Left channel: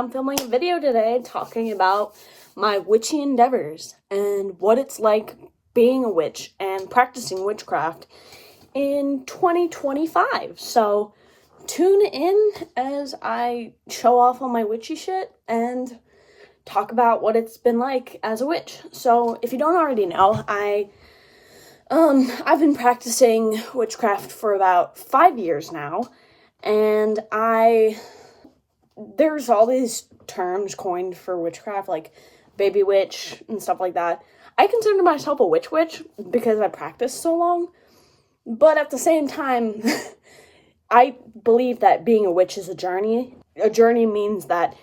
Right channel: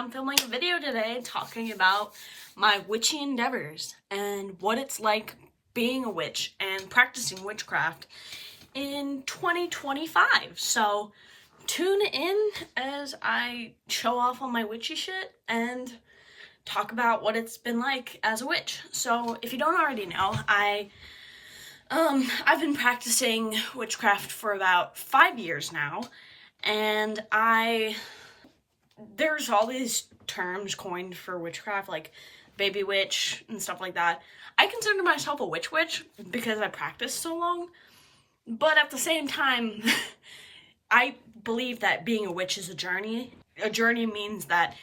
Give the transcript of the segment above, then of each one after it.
I'm filming a video today talking about my witchy endeavors and what it's like being a witch and practicing witchcraft in 2025. So tune in as I show off all my witchy shit and talk about what it's been like as a witch. So if you don't already know, I've been practicing witchcraft for about 5 years now, and there's all these terms coined for witchcraft, like baby witch and stuff like that. I consider myself a witch because I practiced so long, but at the same time, I believe that being a witch is a journey. A journey means that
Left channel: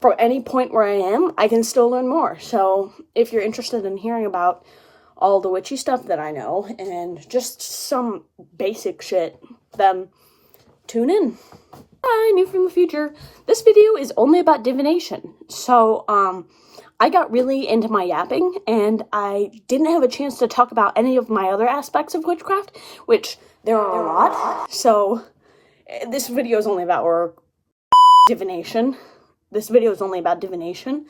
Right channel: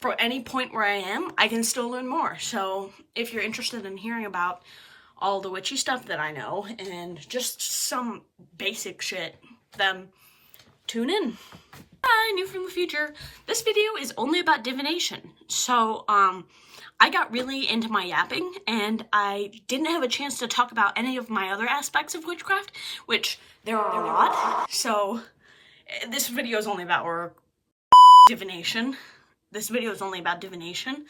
from any point where I am, I can still learn more. So if you're interested in hearing about all the witchy stuff that I know and just some basic shit, then tune in. Hi, new from the future. This video is only about divination. So, I got really into my yapping, and I didn't have a chance to talk about any of my other aspects of witchcraft, which there are a lot. So, this video is only about divination. This video is only about divination.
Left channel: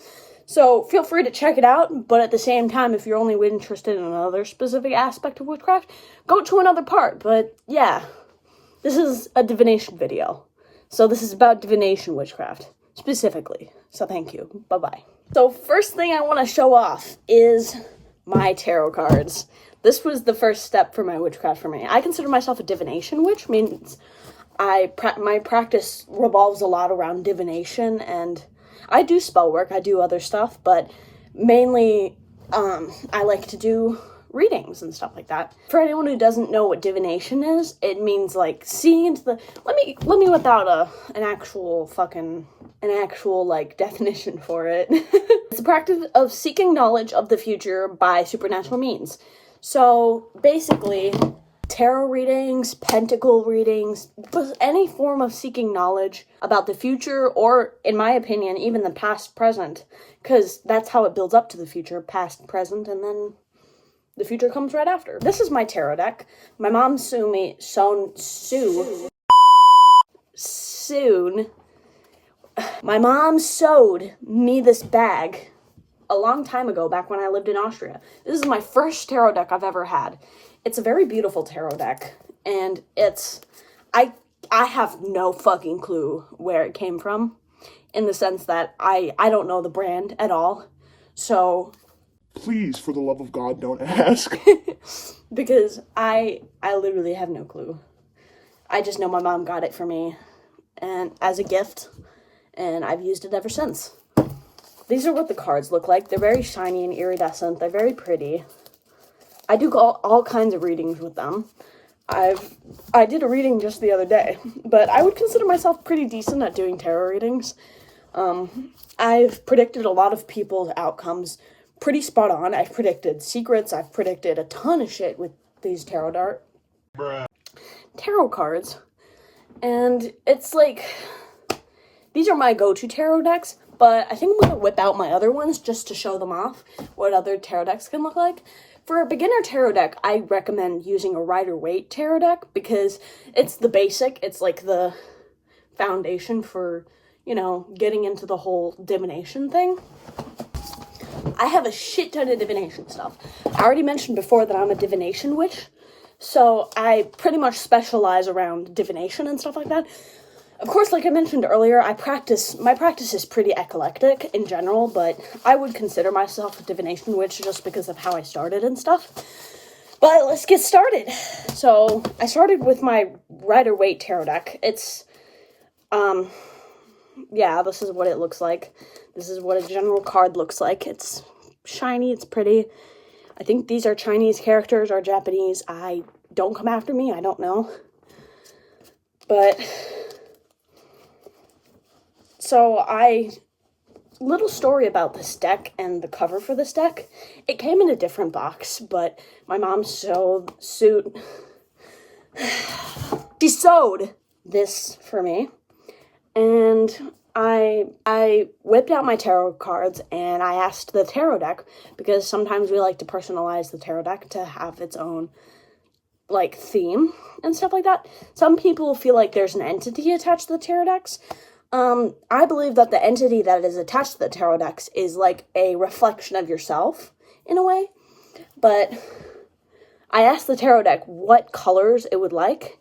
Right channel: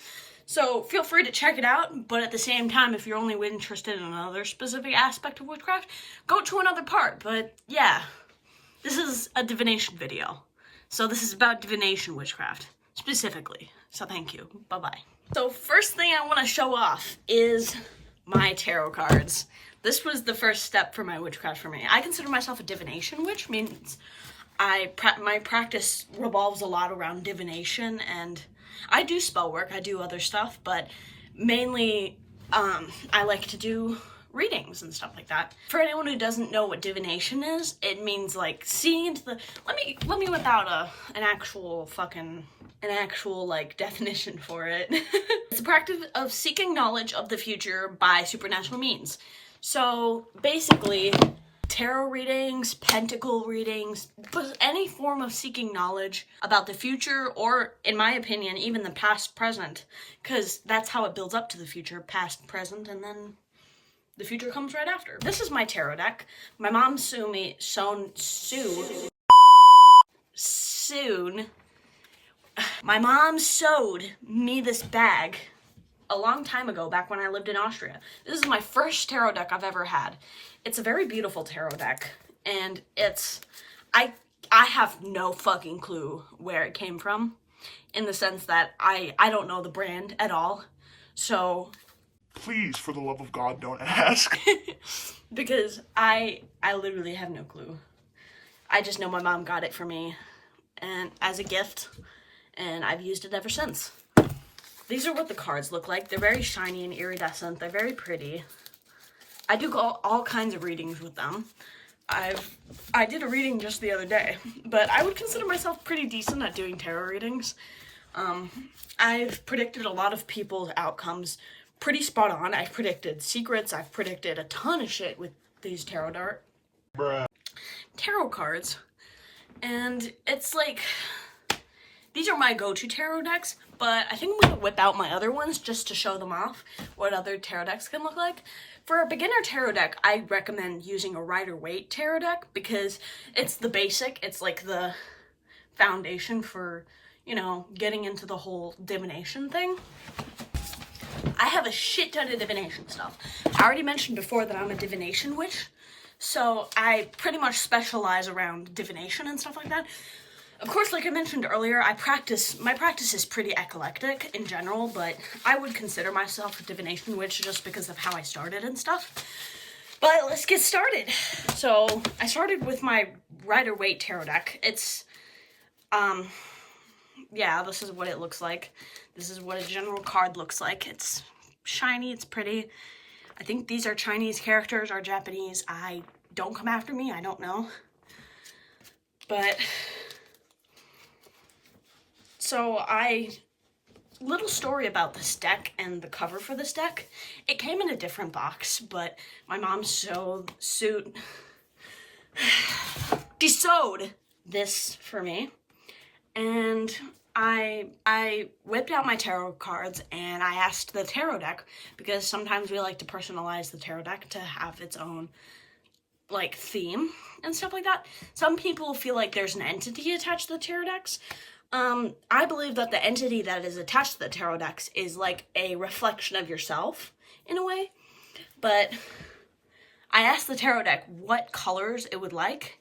So, feel free to check it out, but at the same time, if you're only interested in another specific aspect of witchcraft, go to another part. But, yeah, this is a divination video. So this is about divination witchcraft, specifically. So thank you. Bye-bye. So first thing I want to show off is my tarot cards. This was the first step for my witchcraft for me. I consider myself a divination witch, means my practice revolves a lot around divination, and I do spell work, I do other stuff, but mainly I like to do readings and stuff like that. For anyone who doesn't know what divination is, it means like seeing into the let me without an actual like definition for it. It's a practice of seeking knowledge of the future by supernatural means. So basically, tarot readings, pentacle readings, but any form of seeking knowledge about the future, or in my opinion, even the past, present, because that's how it builds up to the future, past, present, and then the future comes right after. This is my tarot deck. My mom my mom sewed me this bag a long time ago, back when I lived in Austria. This is my first tarot deck I've ever had. It's a very beautiful tarot deck, and I have no fucking clue where it came from, in the sense that I don't know the brand at all. So please, for the love of God, don't ask. Because I literally have no clue. I just know my mom got it for me and as a gift, and I've used it ever since. These are what the cards look like. They're very shiny and iridescent. They're very pretty. I do all kinds of readings with them. I did a reading just the other day, but I would consider myself pretty decent at doing tarot readings. I've predicted a lot of people's outcomes pretty spot on. I've predicted secrets. I've predicted a ton of shit with these tarot cards. And it's like, these are my go-to tarot decks, but I think I'm going to whip out my other ones just to show them off, what other tarot decks can look like. For a beginner tarot deck, I recommend using a Rider-Waite tarot deck, because it's the basic, it's like the foundation for, you know, getting into the whole divination thing. I have a shit ton of divination stuff. I already mentioned before that I'm a divination witch, so I pretty much specialize around divination and stuff like that. Of course, like I mentioned earlier, my practice is pretty eclectic in general, but I would consider myself a divination witch just because of how I started and stuff. But let's get started. So, I started with my Rider-Waite tarot deck. It's, yeah, this is what it looks like. This is what a general card looks like. It's shiny, it's pretty. I think these are Chinese characters or Japanese. Don't come after me, I don't know. But, so little story about this deck and the cover for this deck. It came in a different box, but my mom sewed this for me, and I whipped out my tarot cards and I asked the tarot deck, because sometimes we like to personalize the tarot deck to have its own, like, theme and stuff like that. Some people feel like there's an entity attached to the tarot decks. I believe that the entity that is attached to the tarot decks is like a reflection of yourself, in a way. But I asked the tarot deck what colors it would like,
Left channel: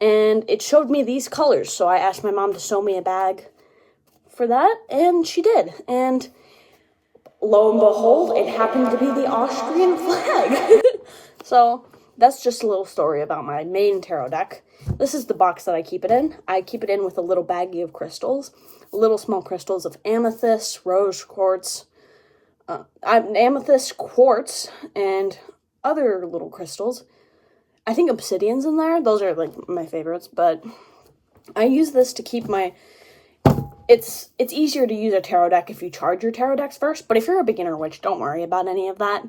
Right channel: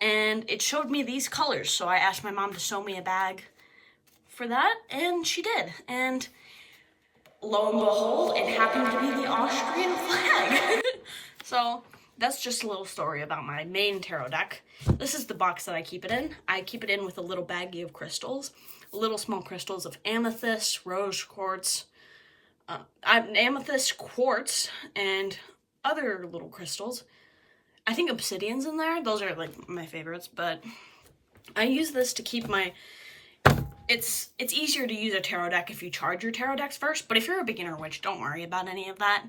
and it showed me these colors, so I asked my mom to sew me a bag for that, and she did. And lo and behold, it happened to be the Austrian flag. So that's just a little story about my main tarot deck. This is the box that I keep it in. I keep it in with a little baggie of crystals, little small crystals of amethyst, rose quartz, amethyst quartz, and other little crystals. I think obsidian's in there. Those are like my favorites, but I use this to keep my... It's easier to use a tarot deck if you charge your tarot decks first, but if you're a beginner witch, don't worry about any of that.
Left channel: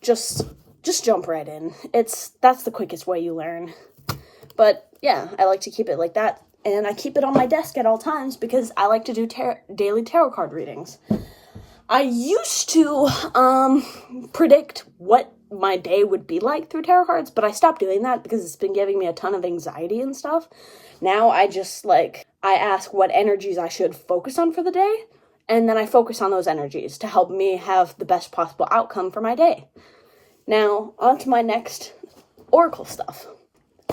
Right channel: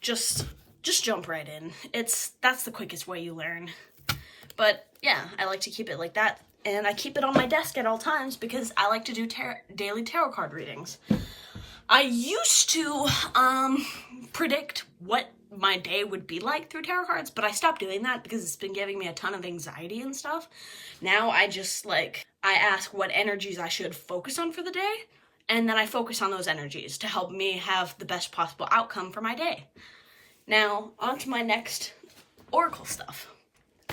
Just jump right in. That's the quickest way you learn. But yeah, I like to keep it like that, and I keep it on my desk at all times because I like to do daily tarot card readings. I used to predict what my day would be like through tarot cards, but I stopped doing that because it's been giving me a ton of anxiety and stuff. Now I just I ask what energies I should focus on for the day, and then I focus on those energies to help me have the best possible outcome for my day. Now, on to my next oracle stuff.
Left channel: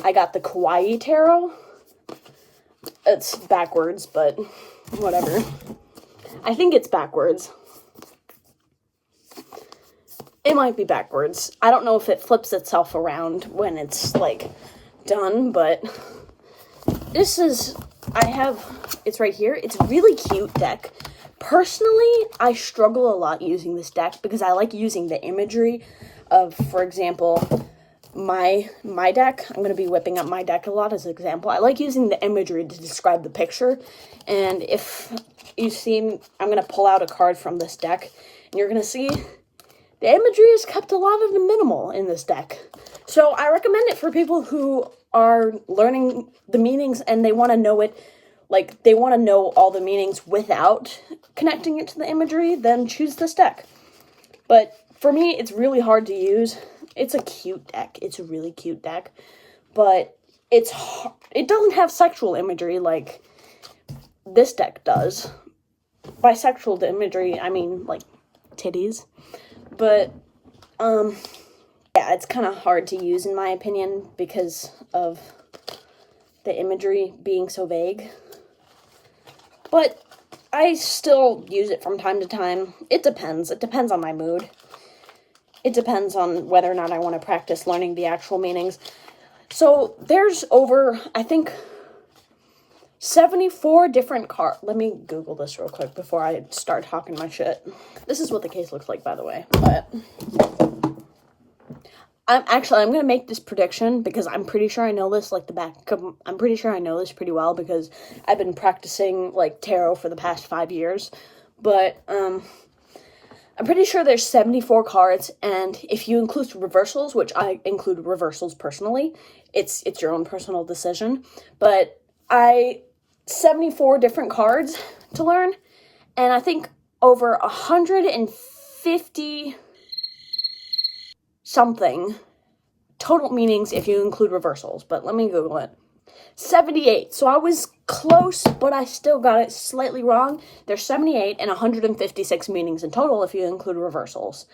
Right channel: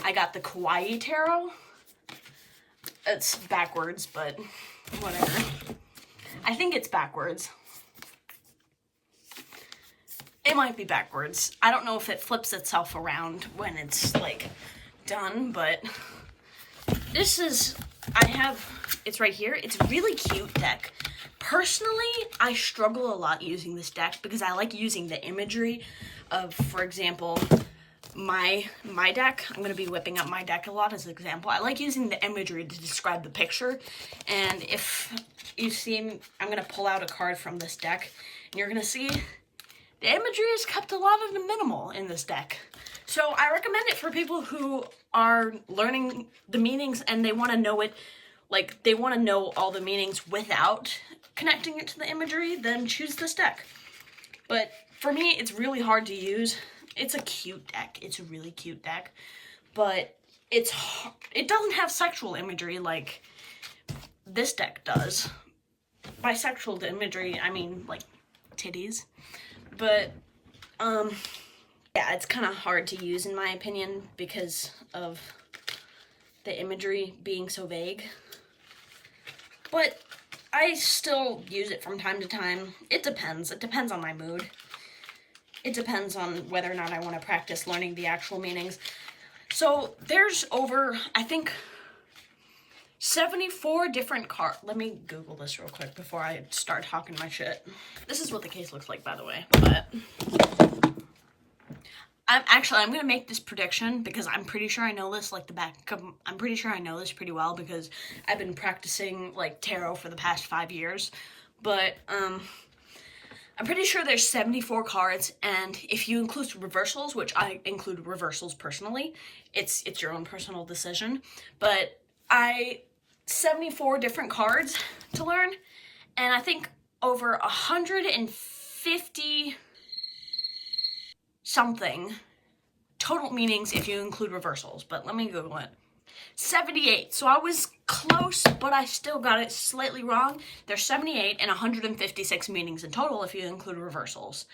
I got the Kawaii Tarot. It's backwards, but whatever. I think it's backwards. It might be backwards. I don't know if it flips itself around when it's, done, but it's right here. It's a really cute deck. Personally, I struggle a lot using this deck because I like using the imagery of, for example, my deck. I'm going to be whipping up my deck a lot as an example. I like using the imagery to describe the picture, and if you see, I'm going to pull out a card from this deck, and you're going to see the imagery is kept a lot of the minimal in this deck. So I recommend it for people who are learning the meanings and they want to know it, they want to know all the meanings without connecting it to the imagery, then choose this deck. But for me, it's really hard to use. It's a cute deck. It's a really cute deck. But it doesn't have sexual imagery like this deck does. By sexual imagery, I mean, titties. But, yeah, it's kind of hard to use, in my opinion, because of the imagery being so vague. But I still use it from time to time. It depends. It depends on my mood. It depends on whether or not I want to practice learning the actual meanings. So there's over, I think, 74 different cards. Let me Google this real quick before I start talking my shit. This is what the case looks like, by the way. But I'm going to make this prediction because I'm pretty sure I know this I'm pretty sure I know this pretty well because I've been practicing tarot for the past 5 years. But I'm pretty sure there's 74 cards, and if you include reversals, which I include reversals personally, it's your own personal decision. But 74 different cards to learn, and I think over 150 something total meanings if you include reversals, but let me Google it. 78. So I was close, but I still got it slightly wrong. There's 78 and 156 meanings in total if you include reversals.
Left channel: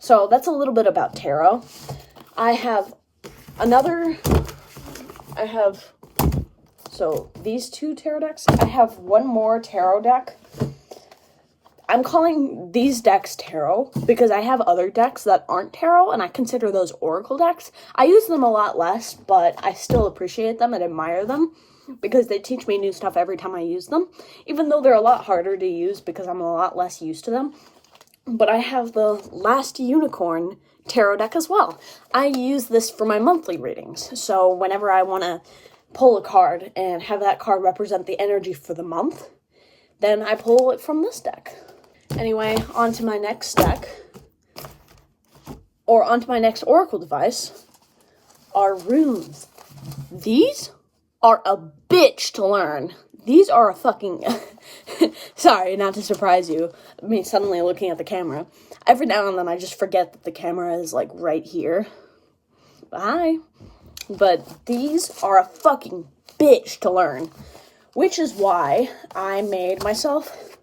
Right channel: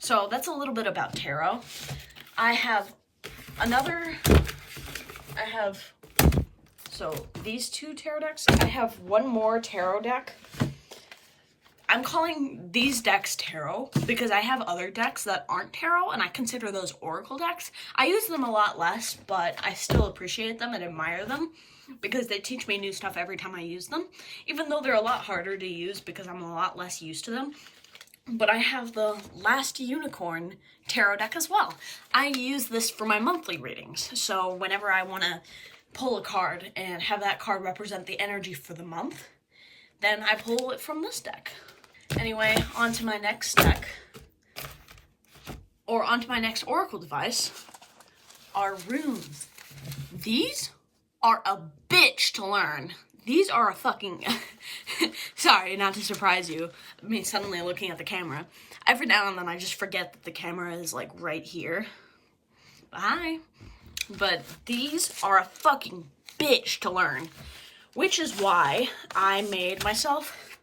So that's a little bit about tarot. So these two tarot decks. I have one more tarot deck. I'm calling these decks tarot because I have other decks that aren't tarot, and I consider those oracle decks. I use them a lot less, but I still appreciate them and admire them because they teach me new stuff every time I use them, even though they're a lot harder to use because I'm a lot less used to them. But I have the Last Unicorn tarot deck as well. I use this for my monthly readings, so whenever I want to pull a card and have that card represent the energy for the month, then I pull it from this deck. Anyway, on to my next deck, or onto my next oracle device, are runes. These are a bitch to learn. These are a fucking... Sorry, not to surprise you, me suddenly looking at the camera. Every now and then I just forget that the camera is, right here. Bye. But these are a fucking bitch to learn. which is why I made myself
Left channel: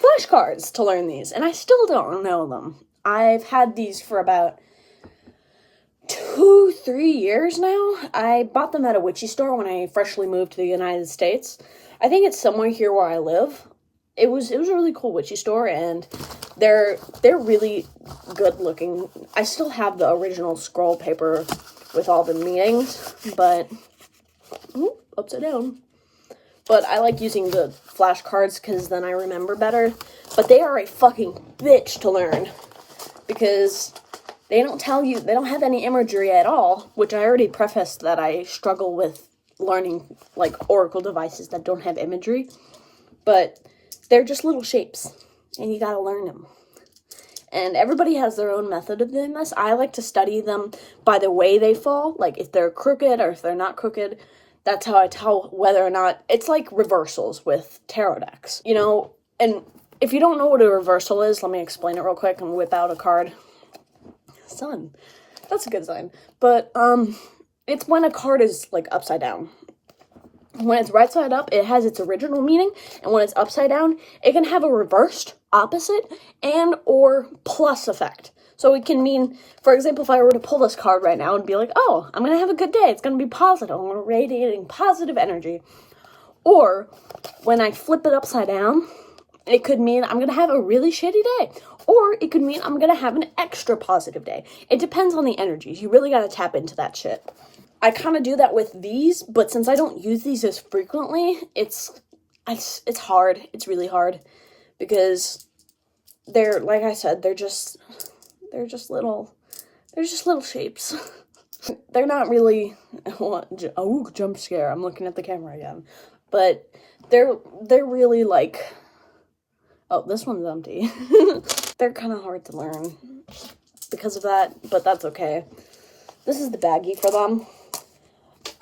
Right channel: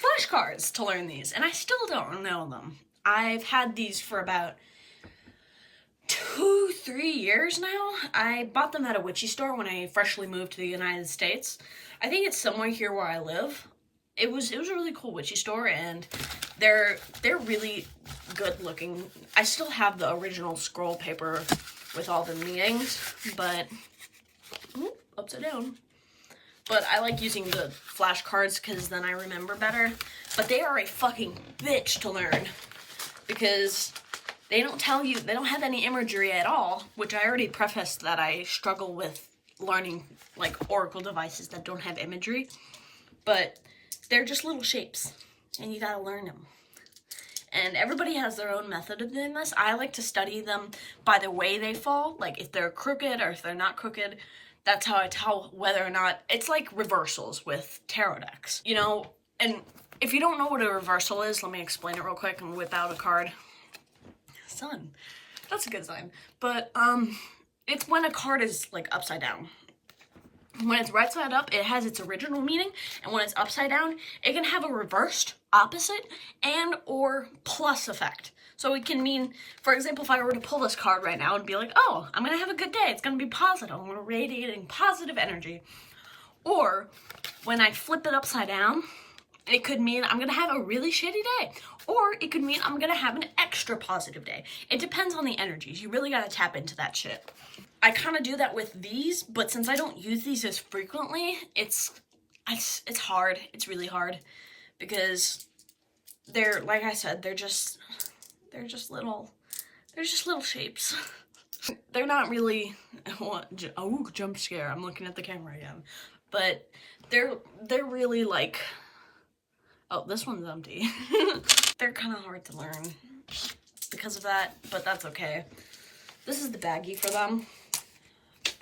flashcards to learn these, and I still don't know them. I've had these for about 2-3 years now. I bought them at a witchy store when I freshly moved to the United States. I think it's somewhere here where I live. It was a really cool witchy store, and they're really good looking. I still have the original scroll paper with all the meanings, but upside down. But I like using the flashcards because then I remember better. But they are a fucking bitch to learn because they don't tell you, they don't have any imagery at all, which I already prefaced that I struggle with learning, like, oracle devices that don't have imagery. But they're just little shapes, and you gotta learn them. And everybody has their own method of doing this. I like to study them by the way they fall, like if they're crooked or if they're not crooked. That's how I tell whether or not, it's like reversals with tarot decks, you know? And if you don't know what a reversal is, let me explain it real quick and whip out a card. Sun. That's a good sign. But, it's when a card is, like, upside down. When it's right side up, it has its original meaning, and when it's upside down, it can have a reversed, opposite, and or plus effect. So it can mean, for example, if I were to pull this card right now and be like, oh, I'm going to have a good day, it's going to be positive, I'm radiating positive energy. Or, when I flip it upside down, it could mean I'm going to have a really shitty day. Or it could mean I'm going to have an extra positive day. It depends on the energies. You really got to tap into that shit. I kind of do that with these, but since I don't use these as frequently, it's hard. It's really hard because they're, like I said, they're just little shapes. They're not really, oh, jump scare. I'm looking at the camera again. But they're really like, oh, this one's empty. They're kind of hard to learn because of that, but that's okay. This is the baggie for them.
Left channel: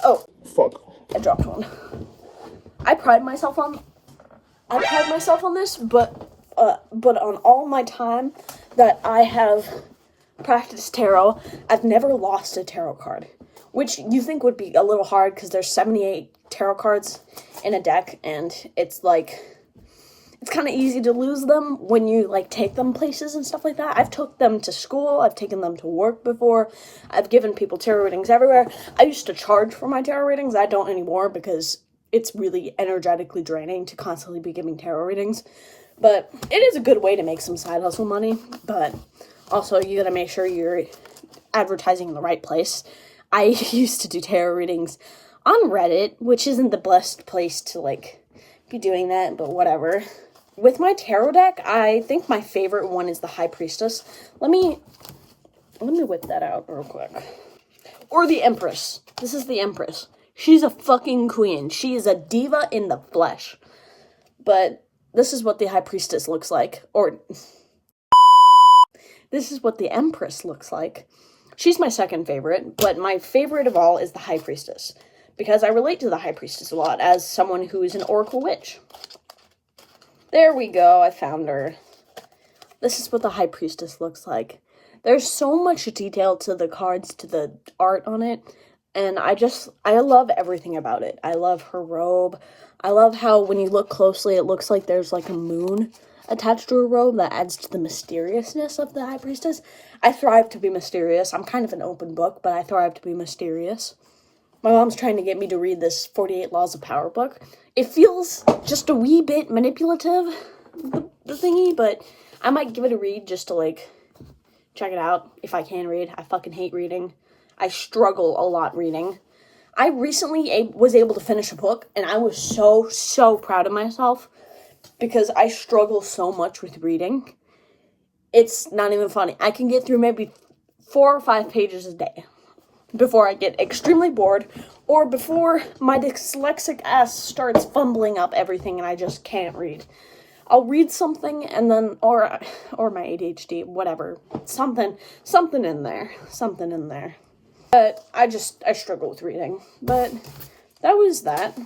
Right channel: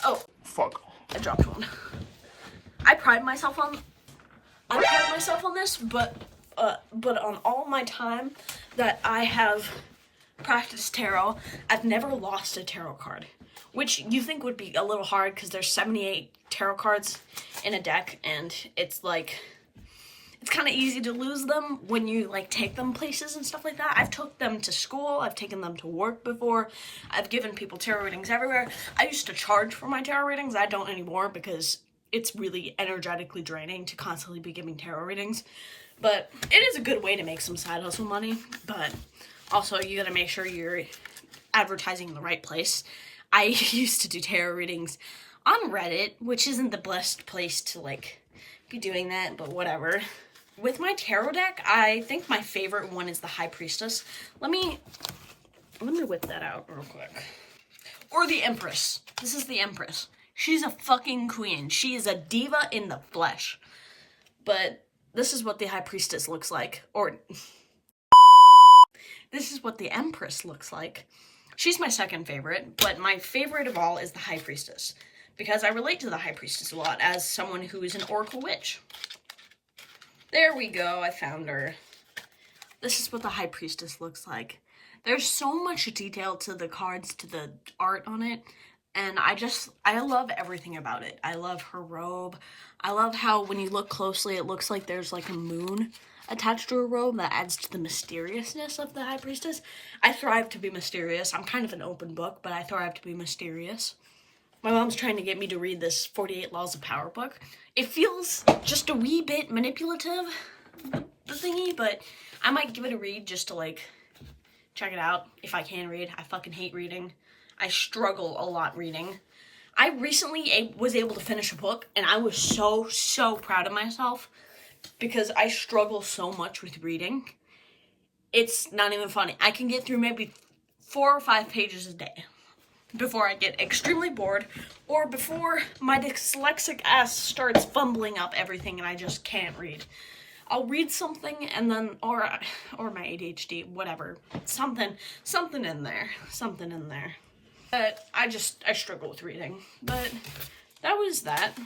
Oh, Fuck. I dropped one. I pride myself on this, but on all my time that I have practiced tarot, I've never lost a tarot card, which you think would be a little hard because there's 78 tarot cards in a deck, and it's like, it's kind of easy to lose them when you, like, take them places and stuff like that. I've took them to school. I've taken them to work before. I've given people tarot readings everywhere. I used to charge for my tarot readings. I don't anymore because it's really energetically draining to constantly be giving tarot readings. But it is a good way to make some side hustle money. But also, you gotta make sure you're advertising in the right place. I used to do tarot readings on Reddit, which isn't the best place to, like, be doing that, but whatever. With my tarot deck, I think my favorite one is the High Priestess. Let me whip that out real quick. Or the Empress. This is the Empress. She's a fucking queen. She is a diva in the flesh. But this is what the High Priestess looks like. Or this is what the Empress looks like. She's my second favorite, but my favorite of all is the High Priestess, because I relate to the High Priestess a lot as someone who is an oracle witch. There we go, I found her. This is what the High Priestess looks like. There's so much detail to the cards, to the art on it, and I love everything about it. I love her robe. I love how when you look closely, it looks like there's like a moon attached to her robe that adds to the mysteriousness of the High Priestess. I thrive to be mysterious. I'm kind of an open book, but I thrive to be mysterious. My mom's trying to get me to read this 48 Laws of Power book. It feels just a wee bit manipulative, the thingy, but I might give it a read just to, like, check it out if I can read. I fucking hate reading. I struggle a lot reading. I recently was able to finish a book, and I was so proud of myself because I struggle so much with reading. It's not even funny. I can get through maybe 4 or 5 pages a day before I get extremely bored, or before my dyslexic ass starts fumbling up everything and I just can't read. I'll read something and then, or my ADHD, whatever, something in there. But I struggle with reading. But that was that.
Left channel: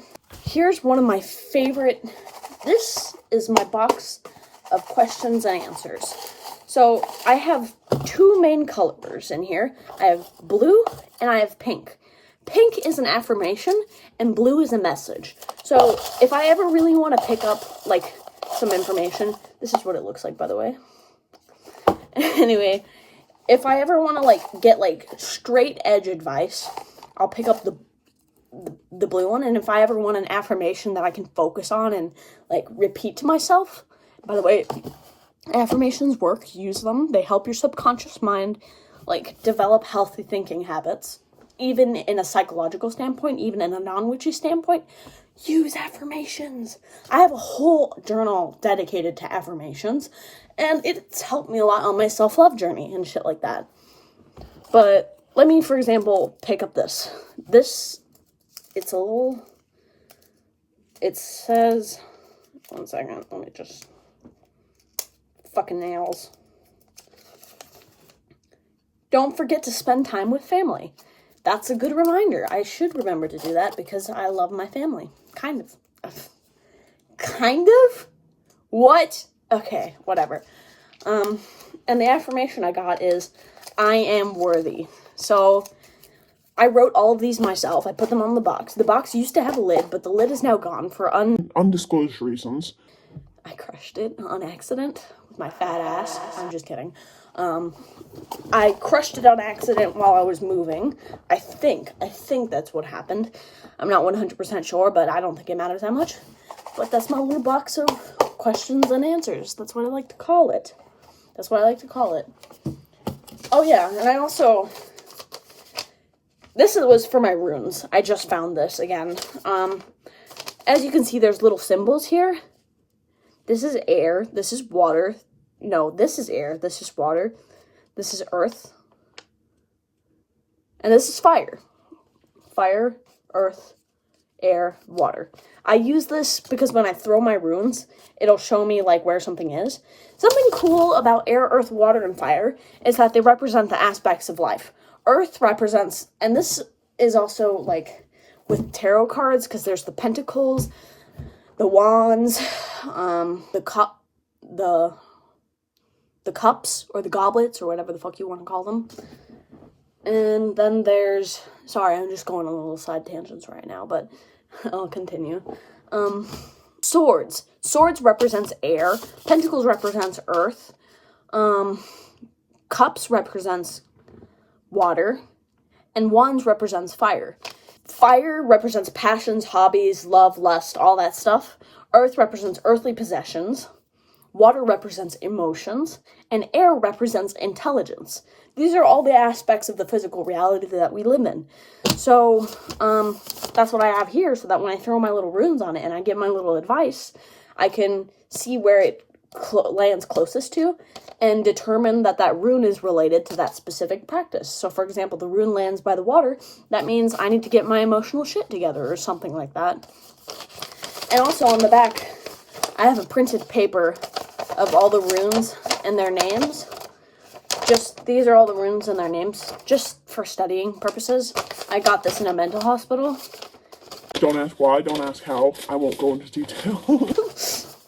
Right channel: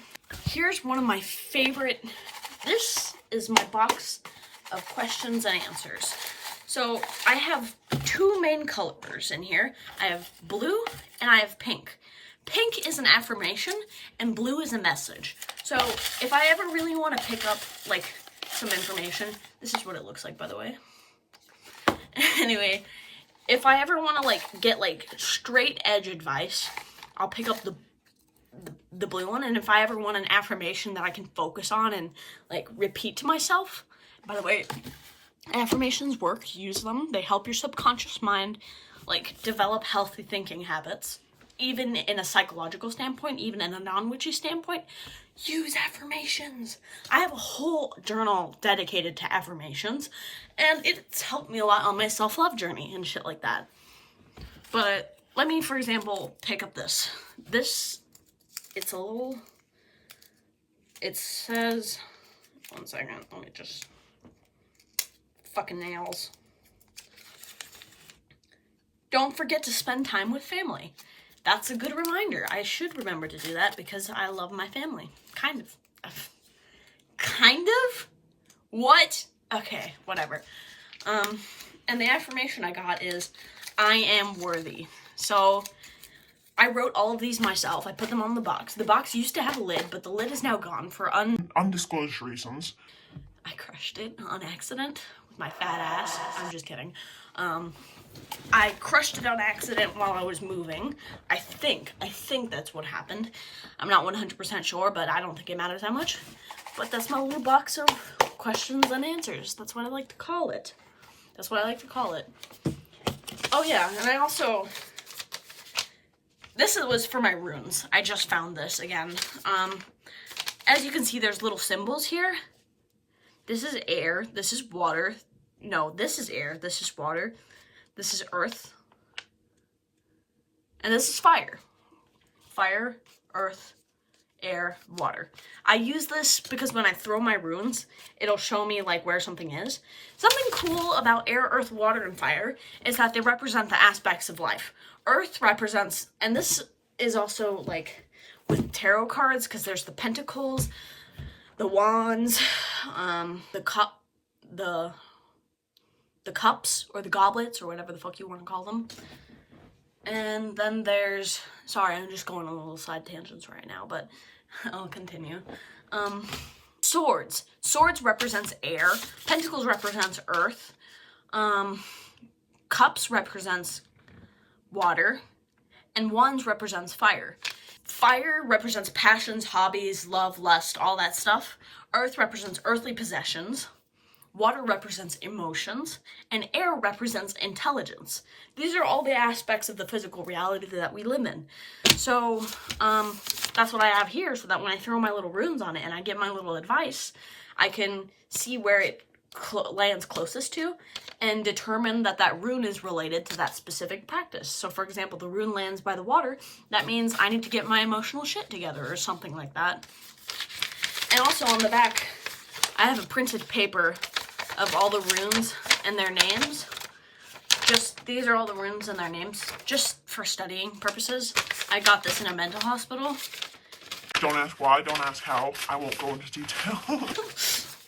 Here's one of my favorite, this is my box of questions and answers. So I have 2 main colors in here. I have blue and I have pink. pink is an affirmation, and blue is a message. So if I ever really want to pick up, like, some information, this is what it looks like, by the way. Anyway, if I ever want to, like, get, like, straight edge advice, I'll pick up the blue one. And if I ever want an affirmation that I can focus on and, like, repeat to myself, by the way, affirmations work, use them. They help your subconscious mind, like, develop healthy thinking habits. Even in a psychological standpoint, even in a non-witchy standpoint, use affirmations. I have a whole journal dedicated to affirmations, and it's helped me a lot on my self-love journey and shit like that. But let me, for example, pick up this. It says, one second, let me just, fucking nails. Don't forget to spend time with family. That's a good reminder. I should remember to do that because I love my family. Kind of. Kind of? What? Okay, whatever. And the affirmation I got is, I am worthy. So, I wrote all of these myself. I put them on the box. The box used to have a lid, but the lid is now gone for undisclosed reasons. I crushed it on accident with my fat ass. I'm just kidding. I crushed it on accident while I was moving. I think that's what happened. I'm not 100% sure, but I don't think it matters that much. But that's my little box of questions and answers. That's what I like to call it. Oh yeah, and I also, this was for my runes. I just found this again. As you can see, there's little symbols here. This is air, this is water. No, this is air, this is water, this is earth, and this is fire. Fire, earth, air, water. I use this because when I throw my runes, it'll show me, like, where something is. Something cool about air, earth, water, and fire is that they represent the aspects of life. Earth represents, and this is also, like, with tarot cards, because there's the pentacles, the wands, the cups, or the goblets, or whatever the fuck you want to call them. And then there's, sorry, I'm just going on little side tangents right now, but I'll continue. Swords. Swords represents air. Pentacles represents earth. Cups represents water. And wands represents fire. Fire represents passions, hobbies, love, lust, all that stuff. Earth represents earthly possessions. Water represents emotions, and air represents intelligence. These are all the aspects of the physical reality that we live in. So, that's what I have here, so that when I throw my little runes on it and I get my little advice, I can see where it lands closest to, and determine that that rune is related to that specific practice. So, for example, the rune lands by the water, that means I need to get my emotional shit together, or something like that. And also on the back, I have a printed paper of all the runes and their names. These are all the runes and their names, just for studying purposes. I got this in a mental hospital. Don't ask why, don't ask how. I won't go into detail.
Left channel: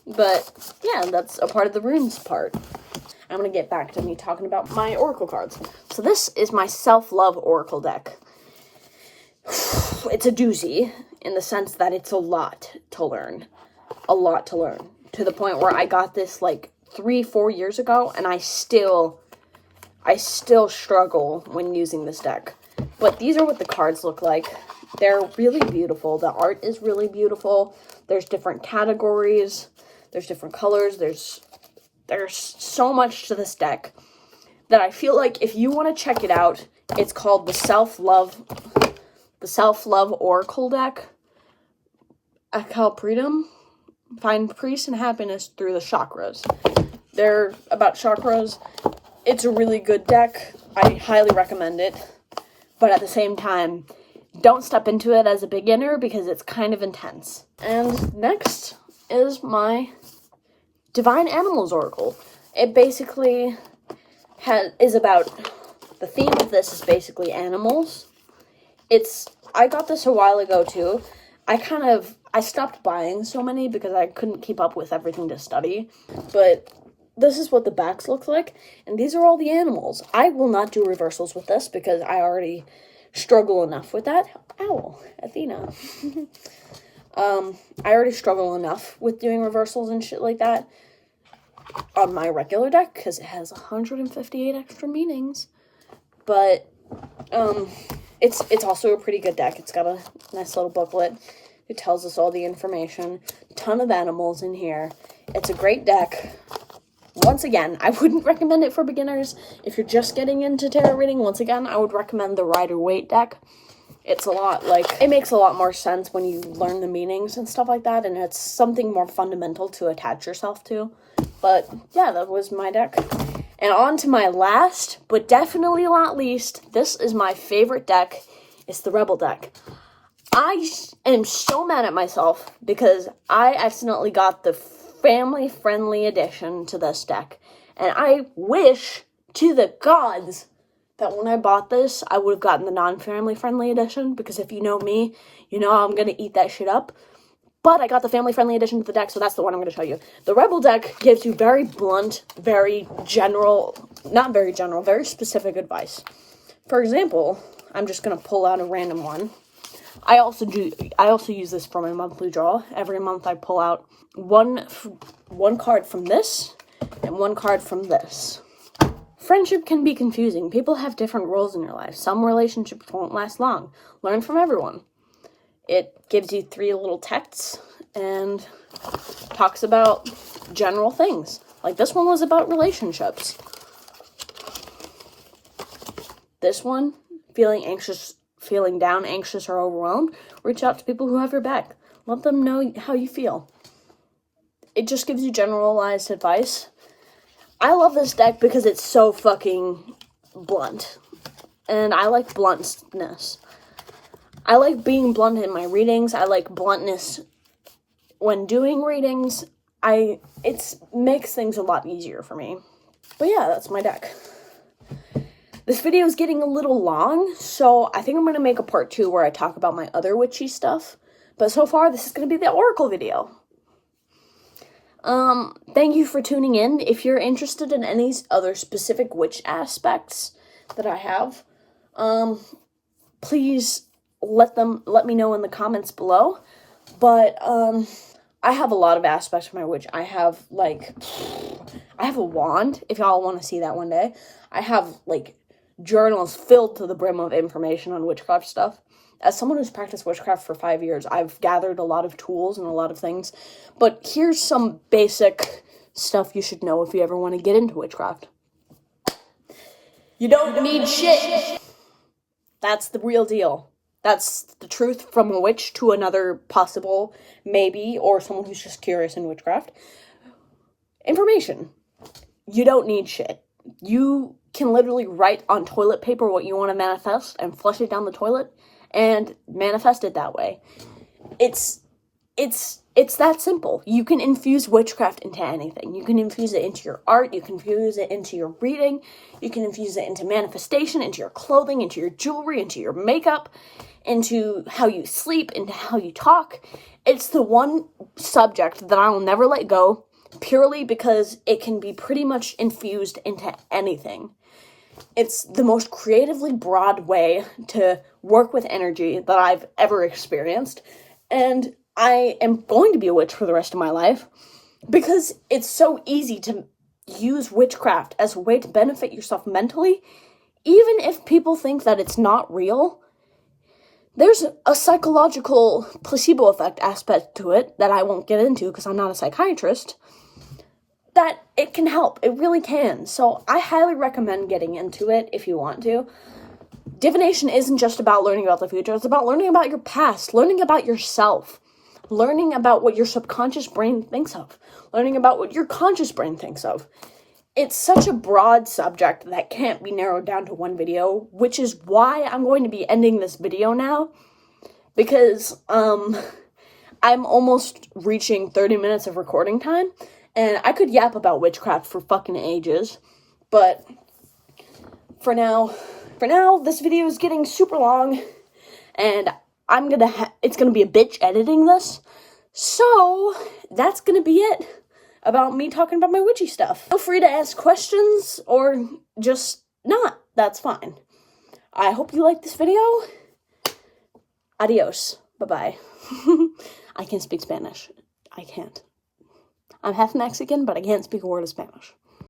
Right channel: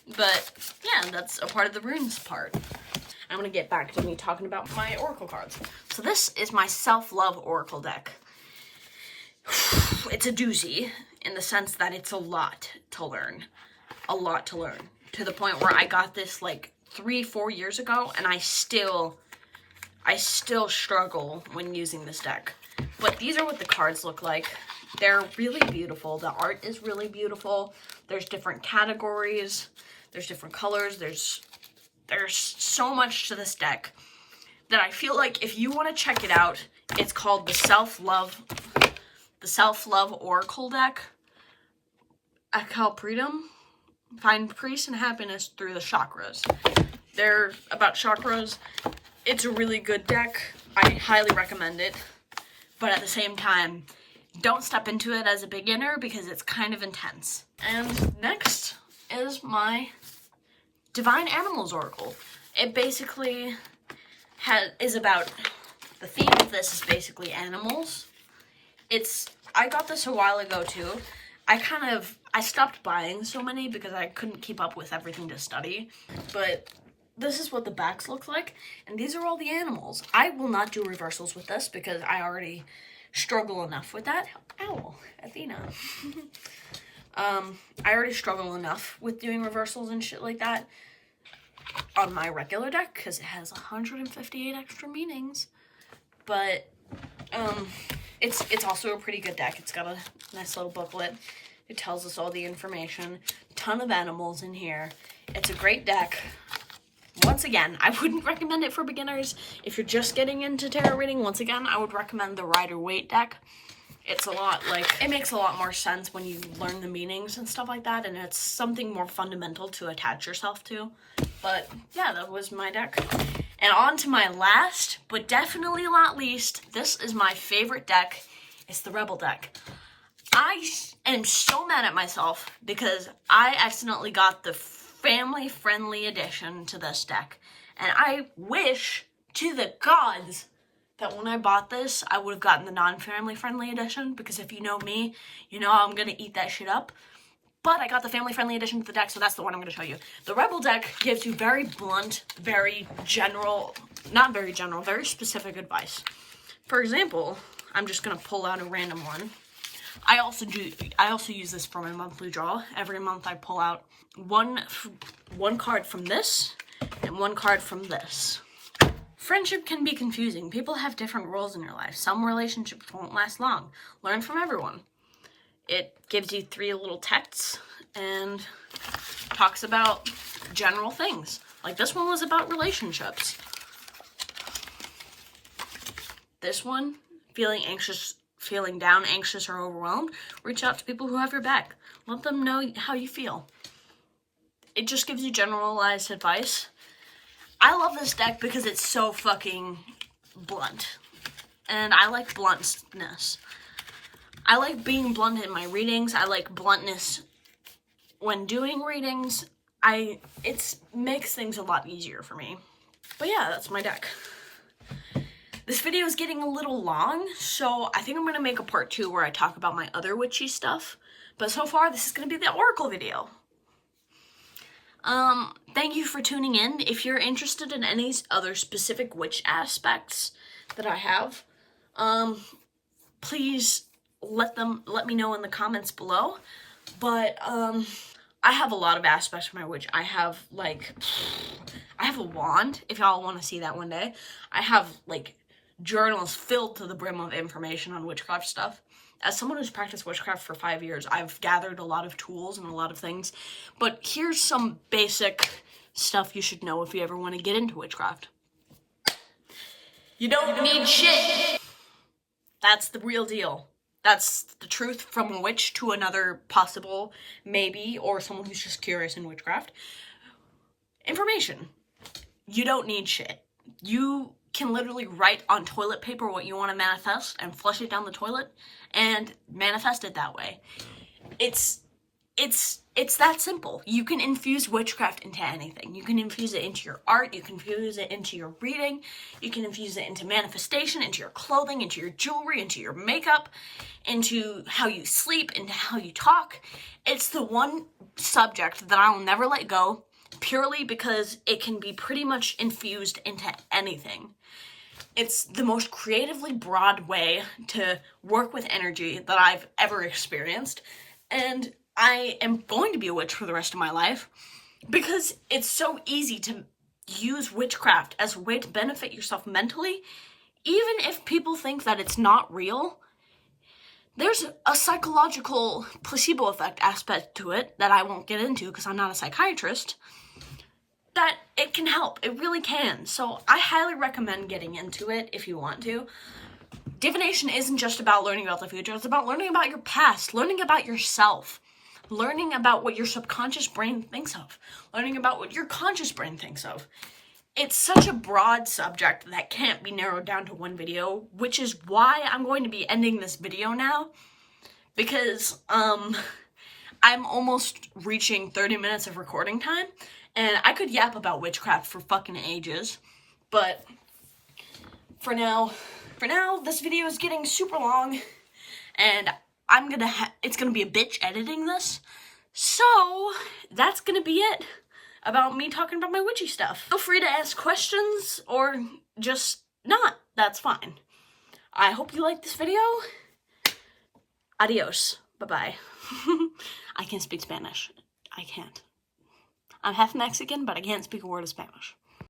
But, yeah, that's a part of the runes part. I'm gonna get back to me talking about my oracle cards. So this is my self-love oracle deck. It's a doozy, in the sense that it's a lot to learn. To the point where I got this, like, 3-4 years ago, and I still struggle when using this deck. But these are what the cards look like. They're really beautiful. The art is really beautiful. There's different categories. There's different colors. There's so much to this deck that I feel like if you want to check it out, it's called the Self-Love Oracle deck. Akalpridum. Find peace and happiness through the chakras. They're about chakras. It's a really good deck. I highly recommend it. But at the same time, don't step into it as a beginner because it's kind of intense. And next is my Divine Animals Oracle. It basically is about, the theme of this is basically animals. I got this a while ago too. I stopped buying so many because I couldn't keep up with everything to study. But this is what the backs look like, and these are all the animals. I will not do reversals with this because I already struggle enough with that. Owl, Athena. I already struggle enough with doing reversals and shit like that on my regular deck because it has 158 extra meanings. But it's also a pretty good deck. It's got a nice little booklet. It tells us all the information. Ton of animals in here. It's a great deck. Once again, I wouldn't recommend it for beginners. If you're just getting into tarot reading, once again, I would recommend the Rider-Waite deck. It's a lot, like, it makes a lot more sense when you learn the meanings and stuff like that, and it's something more fundamental to attach yourself to. But, yeah, that was my deck. And on to my last, but definitely not least, this is my favorite deck. It's the Rebel deck. I am so mad at myself because I accidentally got the family-friendly edition to this deck. And I wish to the gods that when I bought this, I would have gotten the non-family-friendly edition, because if you know me, you know I'm going to eat that shit up. But I got the family-friendly edition to the deck, so that's the one I'm going to show you. The Rebel deck gives you very blunt, very general, not very general, very specific advice. For example, I'm just going to pull out a random one. I also use this for my monthly draw. Every month I pull out one card from this and one card from this. Friendship can be confusing. People have different roles in your life. Some relationships won't last long. Learn from everyone. It gives you 3 little texts and talks about general things. Like this one was about relationships. This one, feeling anxious, feeling down, anxious, or overwhelmed, reach out to people who have your back. Let them know how you feel. It just gives you generalized advice. I love this deck because it's so fucking blunt. And I like bluntness. I like being blunt in my readings. I like bluntness when doing readings. It makes things a lot easier for me. But yeah, that's my deck. This video is getting a little long, so I think I'm going to make a part 2 where I talk about my other witchy stuff. But so far, this is going to be the Oracle video. Thank you for tuning in. If you're interested in any other specific witch aspects that I have, please let me know in the comments below. But, I have a lot of aspects of my witch. I have a wand, if y'all want to see that one day. I have, journals filled to the brim of information on witchcraft stuff. As someone who's practiced witchcraft for 5 years, I've gathered a lot of tools and a lot of things. But here's some basic stuff you should know if you ever want to get into witchcraft. You don't need shit. That's the real deal. That's the truth from a witch to another possible maybe, or someone who's just curious in witchcraft. Information. You don't need shit. You can literally write on toilet paper what you want to manifest and flush it down the toilet and manifest it that way. It's that simple. You can infuse witchcraft into anything. You can infuse it into your art, you can infuse it into your reading, you can infuse it into manifestation, into your clothing, into your jewelry, into your makeup, into how you sleep, into how you talk. It's the one subject that I will never let go, purely because it can be pretty much infused into anything. It's the most creatively broad way to work with energy that I've ever experienced, and I am going to be a witch for the rest of my life because it's so easy to use witchcraft as a way to benefit yourself mentally. Even if people think that it's not real, there's a psychological placebo effect aspect to it that I won't get into because I'm not a psychiatrist, that it can help. It really can. So I highly recommend getting into it if you want to. Divination isn't just about learning about the future. It's about learning about your past, learning about yourself, learning about what your subconscious brain thinks of, learning about what your conscious brain thinks of. It's such a broad subject that can't be narrowed down to one video, which is why I'm going to be ending this video now, because I'm almost reaching 30 minutes of recording time, and I could yap about witchcraft for fucking ages, but for now, this video is getting super long, and it's gonna be a bitch editing this, so that's gonna be it about me talking about my witchy stuff. Feel free to ask questions, or just not, that's fine. I hope you liked this video. Adios. Bye-bye. I can speak Spanish. I can't. I'm half Mexican, but I can't speak a word of Spanish.